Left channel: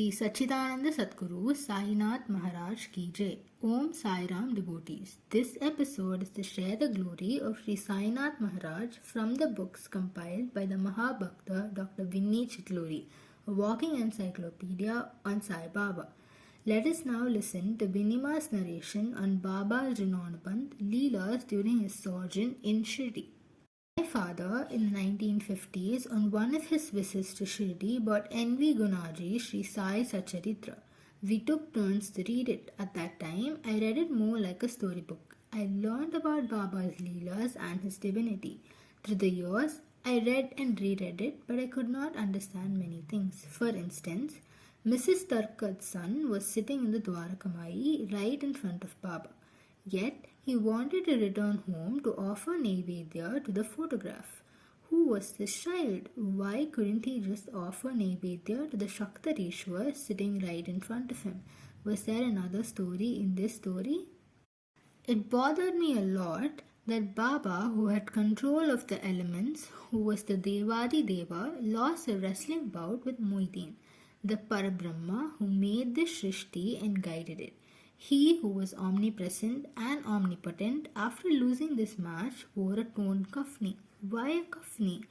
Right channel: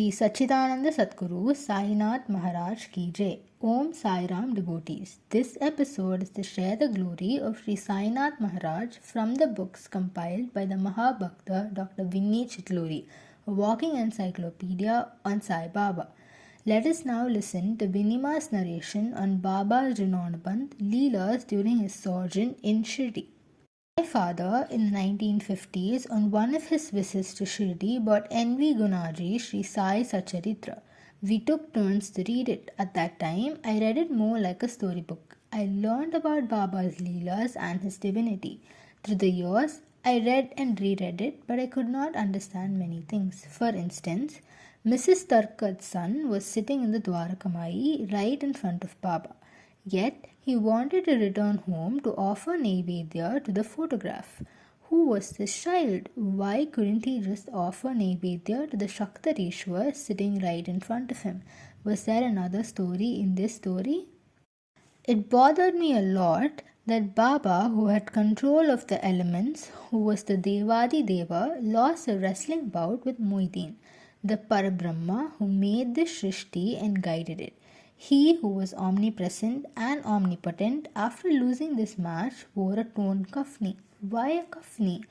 Shri Sachidananda Sadguru Sainath Maharaj Ki Jai. Aum Sairam devotees. This episode is to share the glory of Shri Sainath Maharaj from the books compiled by the mahabhakta Dr. Vinny Chitluri, a walking encyclopedia on Sai Baba. Let us now listen to Vinnyma's narration on Baba's Rinanubandh Leelas during his sojourn in Shirdi. My father, in the 1950s, on one of his visits to Shirdi, bought N.V. Gunaji Shri Sai Satcharitra. We took turns to read it. At that time, I read it more like a storybook. I learned about Baba's Leelas and his divinity. Through the years, I read and reread it, but I could not understand many things. For instance, Mrs. Tarkat's son was sitting in the Dwarakamai right in front of Baba. Yet, he wanted to return home to offer Naivedya to the photograph. Who was this child? Why couldn't he just offer Naivedya to the Shaktarishwar sitting right in front of him? Was there another story in this story? It bothered me a lot that Baba, who had control of the elements, who was the Devadi Deva, lost a wrestling bout with Moideen, the Parabrahma who made this Shrishti and guided it. He who was omnipresent and omnipotent, after losing this match, wore a torn kafni. Why a kafni?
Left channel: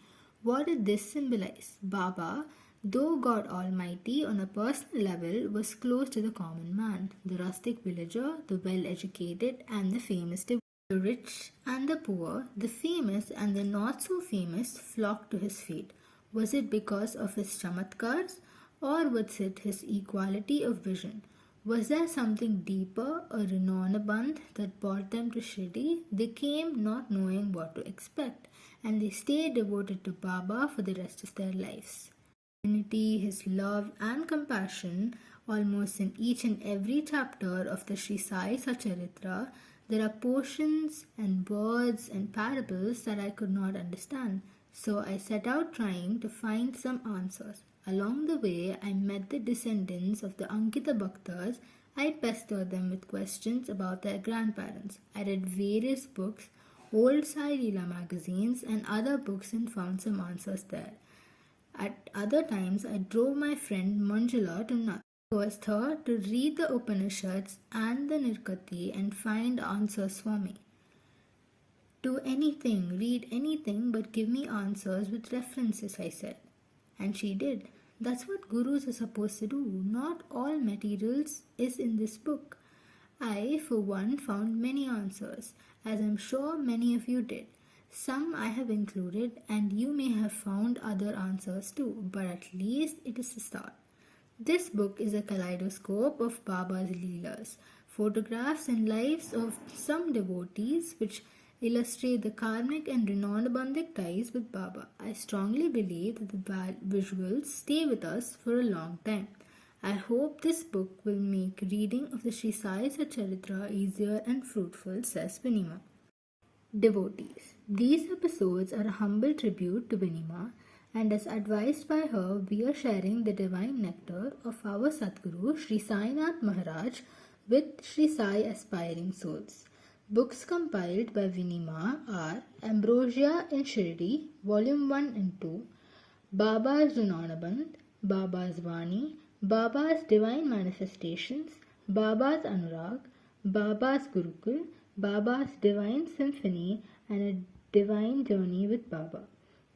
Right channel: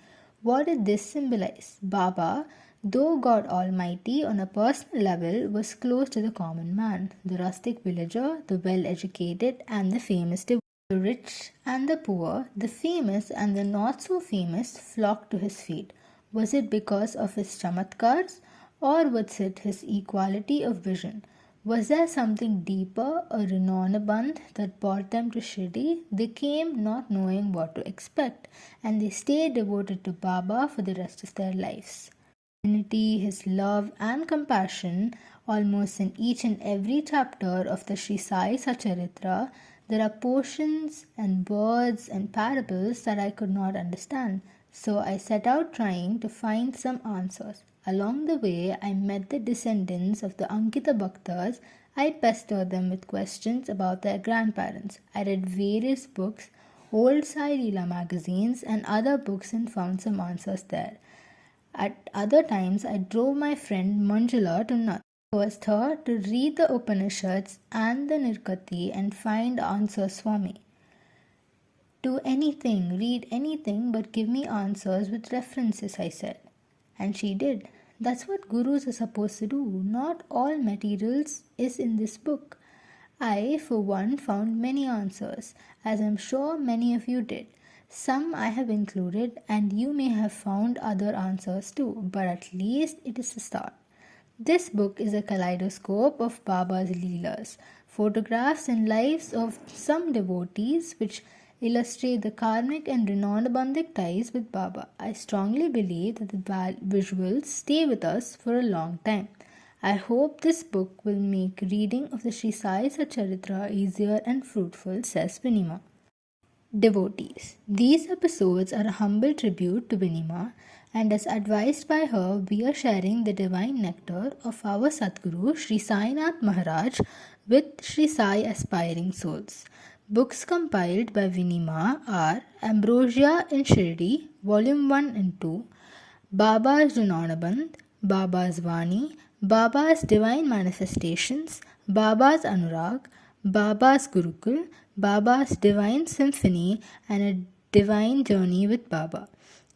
What did this symbolize? Baba, though God Almighty on a personal level, was close to the common man, the rustic villager, the well-educated and the famous devotee. The rich and the poor, the famous and the not so famous flocked to his feet. Was it because of his chamatkars, or was it his equality of vision? Was there something deeper, a Rinanubandh that brought them to Shirdi? They came not knowing what to expect, and they stayed devoted to Baba for the rest of their lives. Unity, his love and compassion, almost in each and every chapter of the Shri Sai Satcharitra, there are portions and words and parables that I could not understand. So I set out trying to find some answers. Along the way, I met the descendants of the Ankita Bhaktas. I pestered them with questions about their grandparents. I read various books, old Sai Leela magazines and other books and found some answers there. At other times, I drove my friend Manjula to Nath. I was her to read the Upanishads and the Nirkati and find answers for me. Do anything, read anything, but give me answers with references, I said. And she did. That's what gurus are supposed to do. Not all materials is in this book. I, for one, found many answers, as I'm sure many of you did. Some I have included, and you may have found other answers too, but at least it is a start. This book is a kaleidoscope of Baba's Leelas, photographs and lives of some devotees which illustrate the karmic and Rinanubandhic ties with Baba. I strongly believe that the visuals stay with us for a long time. I hope this book will make reading of the Shri Sai Satcharitra easier and fruitful, says Vinnyma. Devotees. These episodes are a humble tribute to Vinnyma, and as advised by her, we are sharing the divine nectar of our Sadguru Shri Sainath Maharaj with Shri Sai aspiring souls. Books compiled by Vinnyma are Ambrosia in Shirdi, Volume 1 and 2, Baba's Rinanubandh, Baba's Vaani, Baba's Divine Manifestations, Baba's Anurag, Baba's Gurukul, Baba's Divine Symphony, and a Divine Journey with Baba.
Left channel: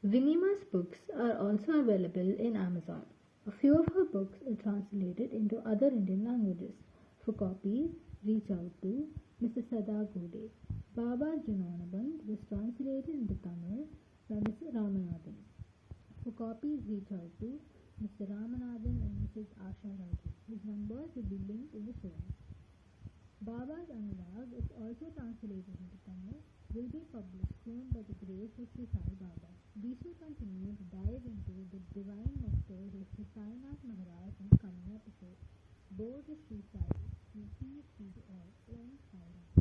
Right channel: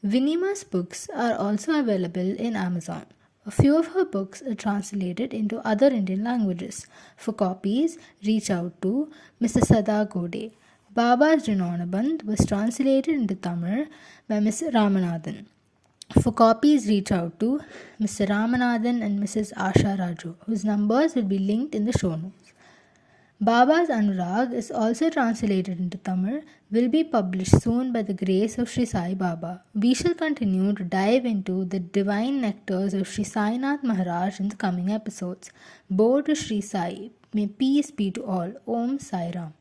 Vinnyma's books are also available in Amazon. A few of her books are translated into other Indian languages. For copies, reach out to Mr. Sadha Godhe. Baba's Rinanubandh was translated into Tamil by Mr. Ramanathan. For copies, reach out to Mr. Ramanathan and Mrs. Asha Raju, whose numbers will be linked in the show notes. Baba's Anurag is also translated into Tamil, will be published soon by the grace of Shri Sai Baba. We shall continue to dive into the divine nectars of Shri Sainath Maharaj in the coming episodes. Bow to Shri Sai. May peace be to all. Aum Sairam.